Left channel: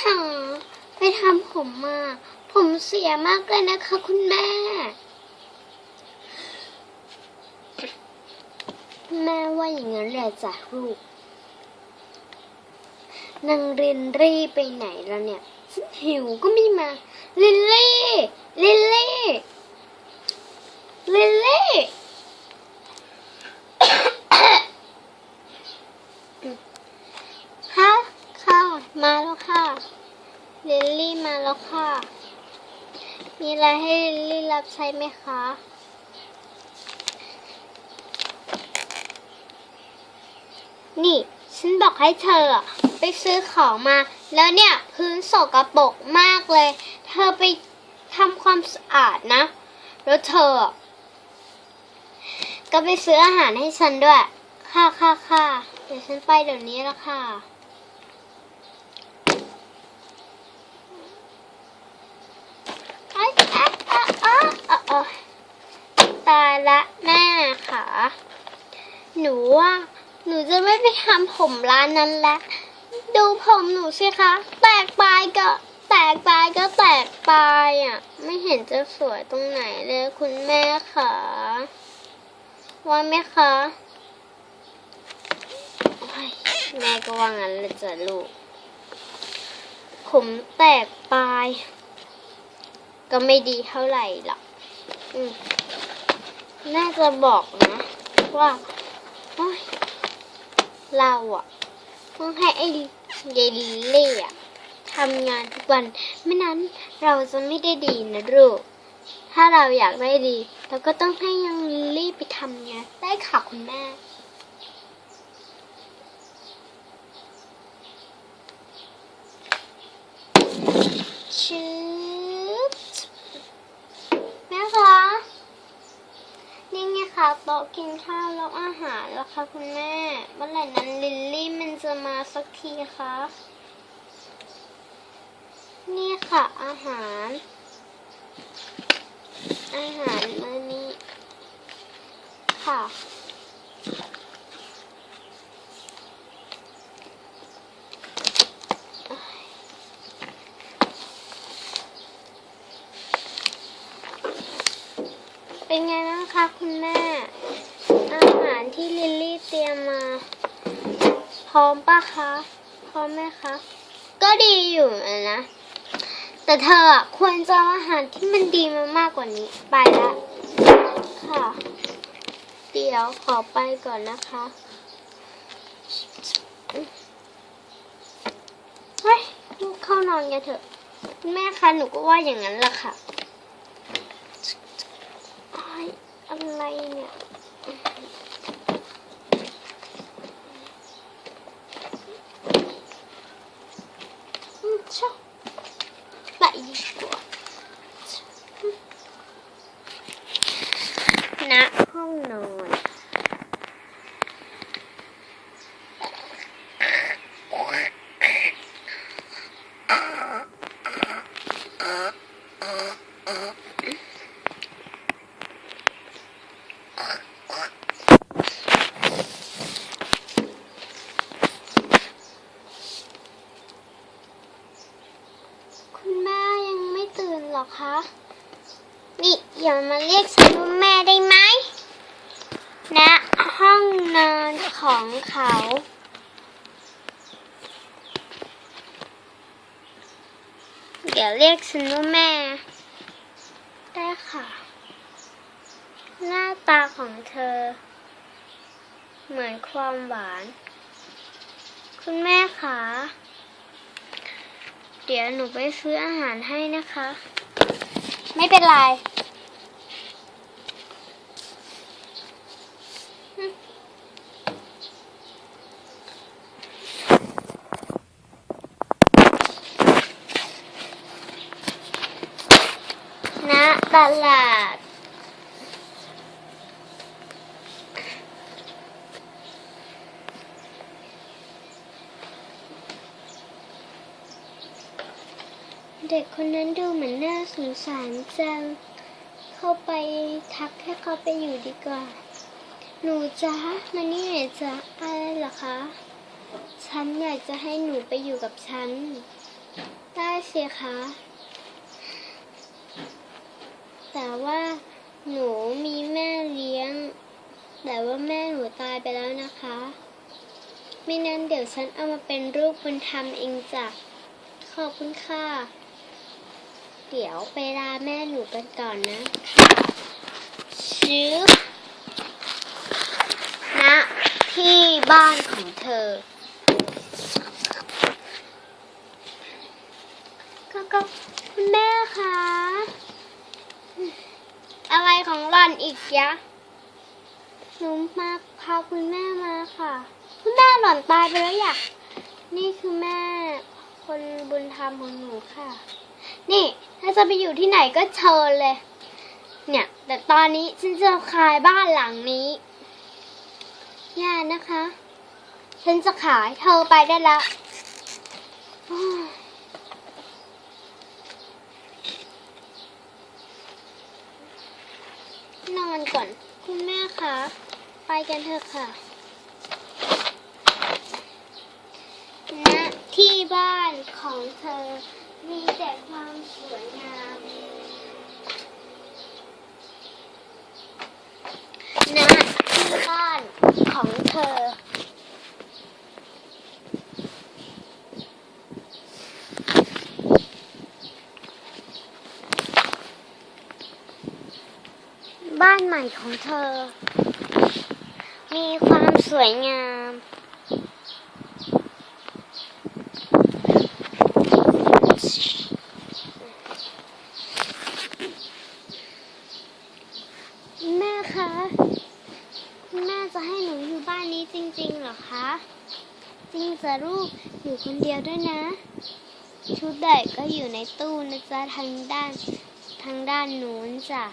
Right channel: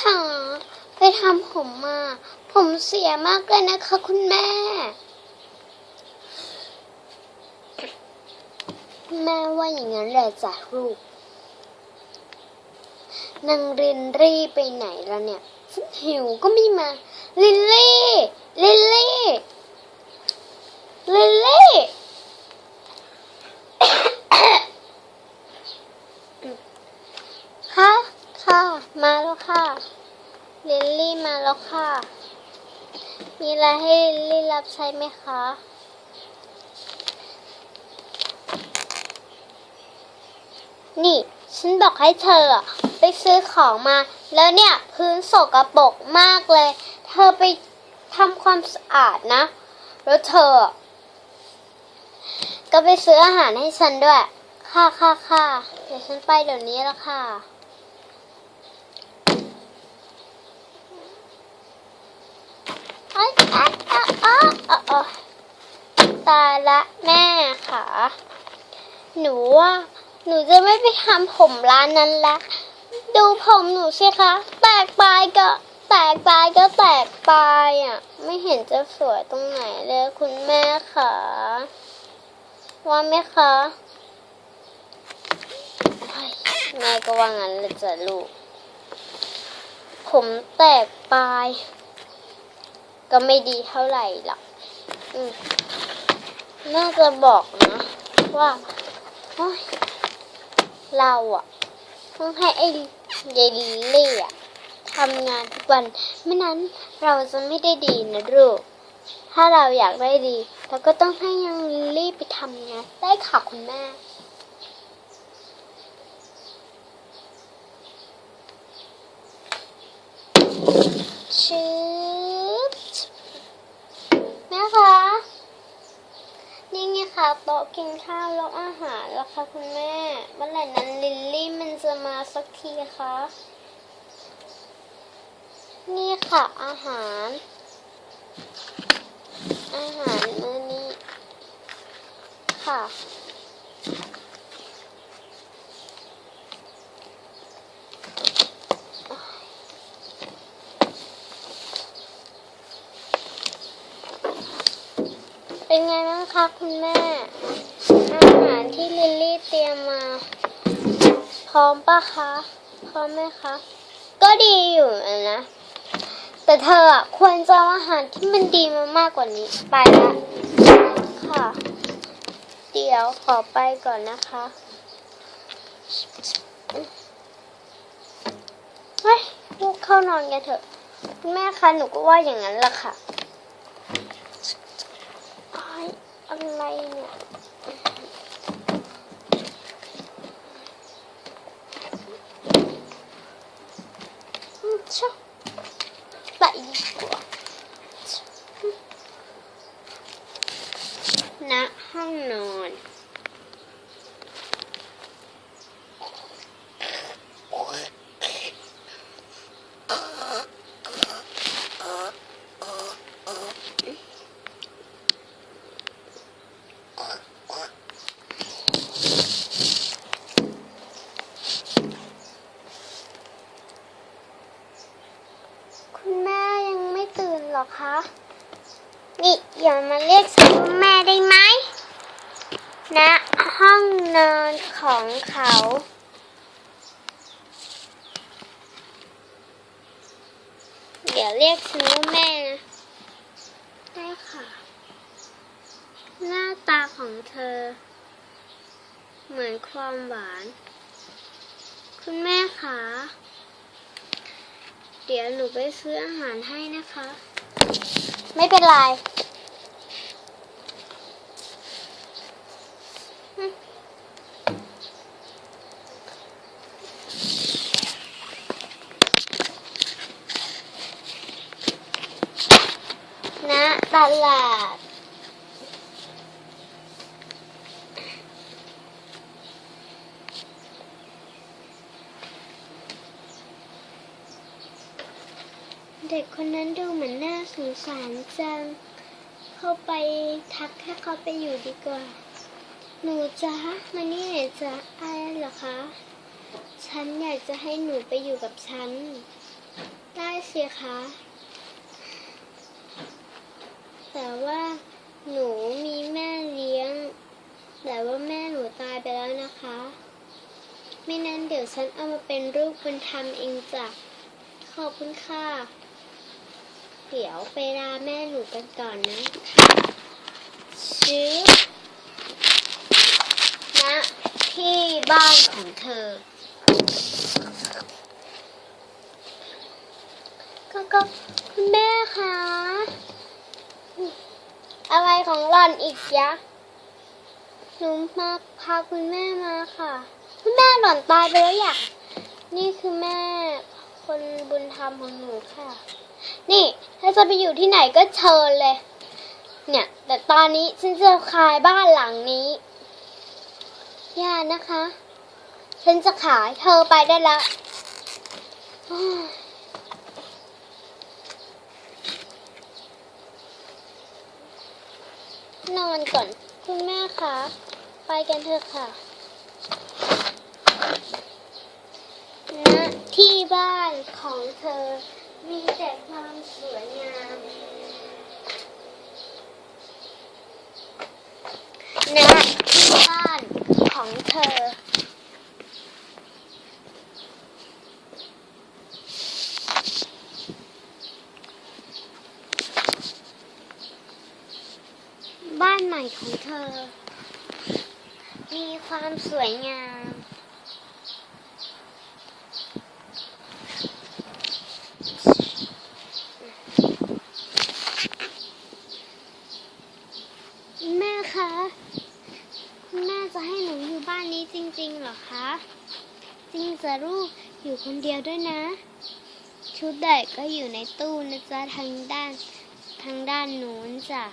ค่ะไปทำผมมา ผมเสียมากเลยนะคะ คุณแม่ แม่ว่าอย่างนั้นแหละจ้ะลูกนางรินรี่ไปไหนแล้วเนี่ยฉันหิวก็ไม่มาลิลลี่ลิลลี่ลิลลี่ ค่ะ ค่ะ มาแล้วค่ะลิลลี่มาแล้วค่ะ มีอะไรให้ลิลลี่รับใช้ไหมคะนี่ ฉันบอกให้เธอไปซื้อของมา แล้วเนี่ย พื้นสกปรกมากเลย เธอไปทำความสะอาดนะ แล้วเธอ ก็ไปซื้ออาหารให้ฉันด้วย ค่ะค่ะค่ะเดี๋ยวฉันไปเดี๋ยวนี้แล้วค่ะ เอ้ยอะอะอะอะอะตาย ละแม่ค่ะ หนูว่าหนูจะไม่ไปทำผมร้านนั้นแล้วดูผมหนูสิคะ แตกปลายก็ แตกปลายก็แตกปลายอะ ไม่เห็นจะสวยตรงไหนเลยคุณแม่ค่ะ ว่าไหมคะแม่ก็ว่างั้นเลยจ้ะลูก ผมแตกปลาย ก็ไม่ดีเท่าไหร่หรอก อืม น่าจะบอกนะ ว่าเราอะต้องให้ไอ้เยลลี่อะทำงานทุกวัน ไม่นั้นเราจะไม่ได้ดีนะลูก ถ้าเราอยากได้ดี เราก็ต้องให้ยังลิลลี่ไปทำงานได้ค่ะคุณแม่ชืบแม่คะ โต๊ะกินข้าวแล้วอาหารแล้วค่ะคุณแม่เมื่อไหร่นั้นลิลลี่มันจะมาสักทีคะนี่ค่ะอาหาร อาหารมื้อนี้ค่ะ เป็นไงบ้างคะคุณแม่ ที่เตรียมมา พร้อมปะคะ พร้อมไหมคะ ก็ดีอยู่นะ แต่เธออะควรจะอาหารที่มันดีมามากกว่านี้ไปละค่ะ เดี๋ยวขอไปก่อนนะคะเฮ้ยลูกเข้านอนกันเถอะ แม่คะหนูก็ว่าอย่างนั้นแหละค่ะอะไรเนี่ย อืมชอบไปดีกว่าณห้องนอน คุณแม่ยังไม่ตื่นเหรอคะ นี่อย่ามาเรียกฉันว่าแม่ได้ไหมณห้องนอนของเขาเดี๋ยวเรียกฉันว่าแม่ได้ค่ะ หน้าตาของเธอ เหมือนความหวาน คุณแม่คะเดี๋ยวหนูไปซื้ออาหารให้นะคะ ไม่เป็นไรอืมณ ตลาด เด็กคนนั้นดูเหมือนน่าสงสารจัง เข้าไปทักให้เขาไปอยู่ดีกว่า หนูจ๊ะมานี่หน่อยจ๊ะอะไรเหรอคะ ฉันอยากจะให้หนูไปอยู่กับฉัน ได้สิคะ แต่ว่าหนูมีแม่เลี้ยง แต่ว่าแม่หนูตายไปแล้วนะคะ ไม่นั้นเดี๋ยวฉันเอามาเป็นรูปบุญธรรมเองจ้ะขอบคุณค่ะ เดี๋ยวไปลาแม่หนูกันก่อนนะชื้อณที่บ้านของเธอ ก็ก็คุณแม่คะ อะไรขันอีกยะหนูมาพาคุณแม่มาค่ะ คุณแม่หล่อนตายไปแล้วอยะนี่คือแม่คนบุญธรรมของหนูค่ะ นี่ถ้าจะไปอยู่ที่ไหนก็เชิญเลย เนี่ย แต่ตอนนี้ฉันจะขายบ้านหลังนี้ย่านะคะ ฉันจะขายเธอไปได้ละอ้าว นอนก่อนคุณแม่คะไปกันเถอะค่ะณที่บ้านของเธอมีแต่ความสวยงามณที่บ้านของเธอ บ้านใหม่ ของเธอ มีความสวยงาม แม่คะ แม่จะให้หนูอยู่บ้านนี้จริงๆเหรอคะ จริงจะลูกอยู่คนเดียวด้วยนะ ชุดเด็กก็อยู่ในตู้นะจ๊ะทางด้านทางด้านนู้นจ้ะ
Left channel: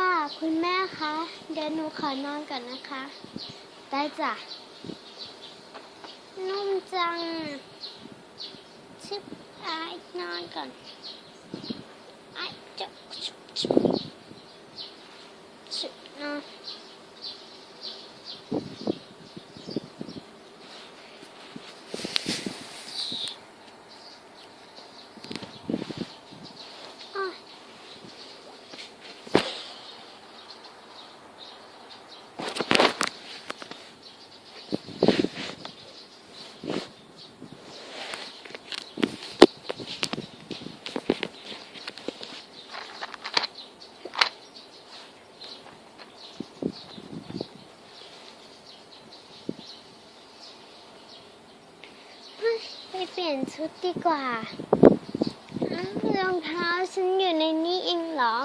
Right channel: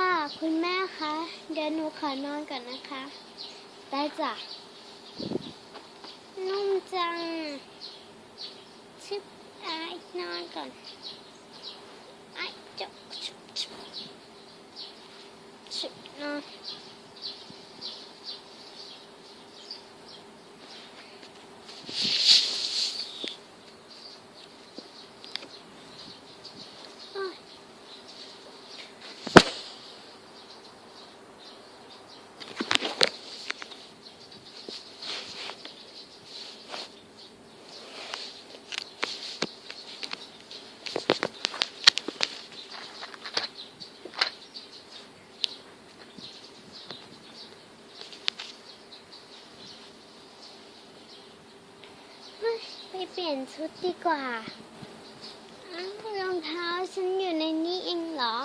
ค่ะ คุณแม่คะ เดี๋ยวหนูขอนอนก่อนนะคะ ได้จ้ะ นุ่มจัง ชิบอายนอนก่อนไอ้จับนอนอ้าย เฮ้ยไปเป ลี่ยนชุดดีกว่า รองเท้าฉันอยู่ในนี้เองเหรอ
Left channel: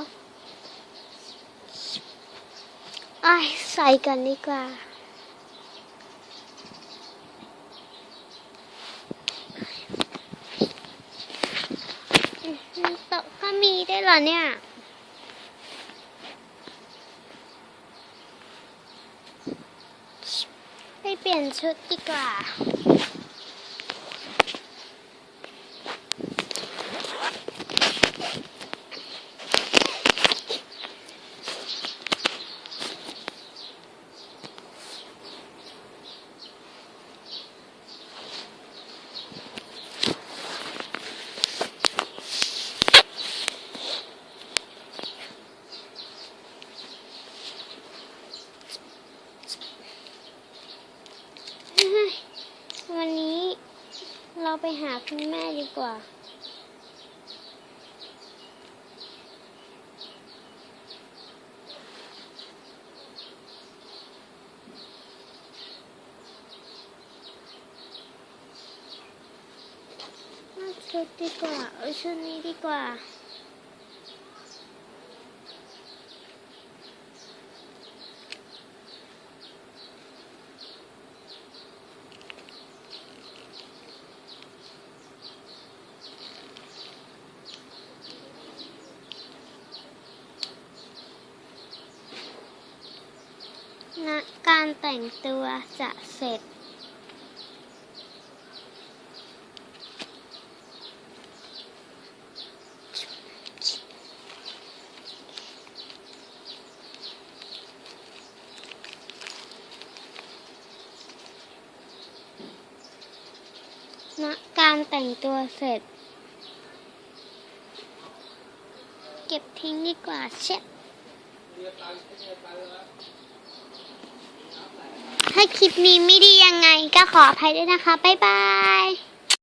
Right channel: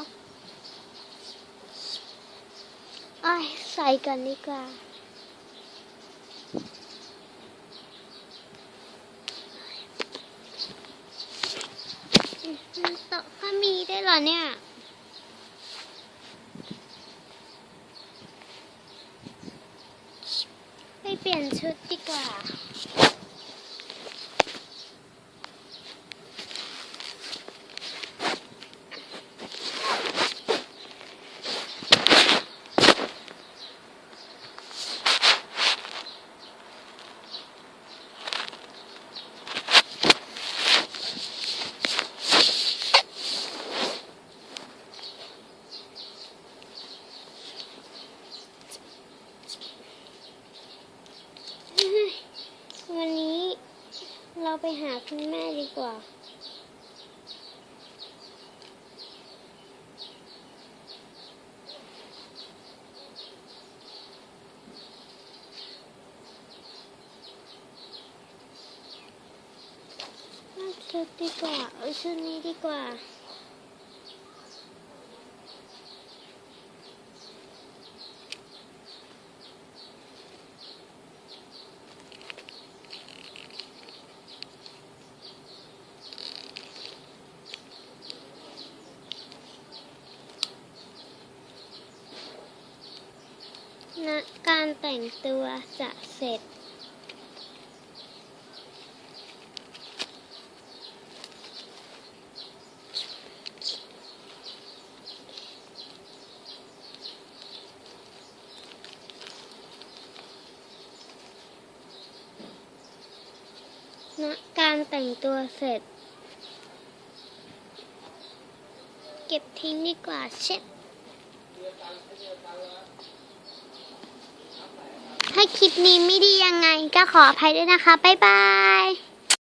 ไอ้ใส่กันดีกว่าต๊ะก็มีได้เหรอเนี่ยไปเปลี่ยนชุดดีกว่า ไปหาคุณแม่ดีกว่า ชุดดีกว่า เอาชุดนี้ดีกว่า ณการแต่งตัวจะเสร็จณนะการแต่งตัวเสร็จ เก็บทิ้งดีกว่าเช็ด ถ้าคลิปนี้ไม่ดียังไงก็ขออภัยด้วยนะคะ บ๊ายบาย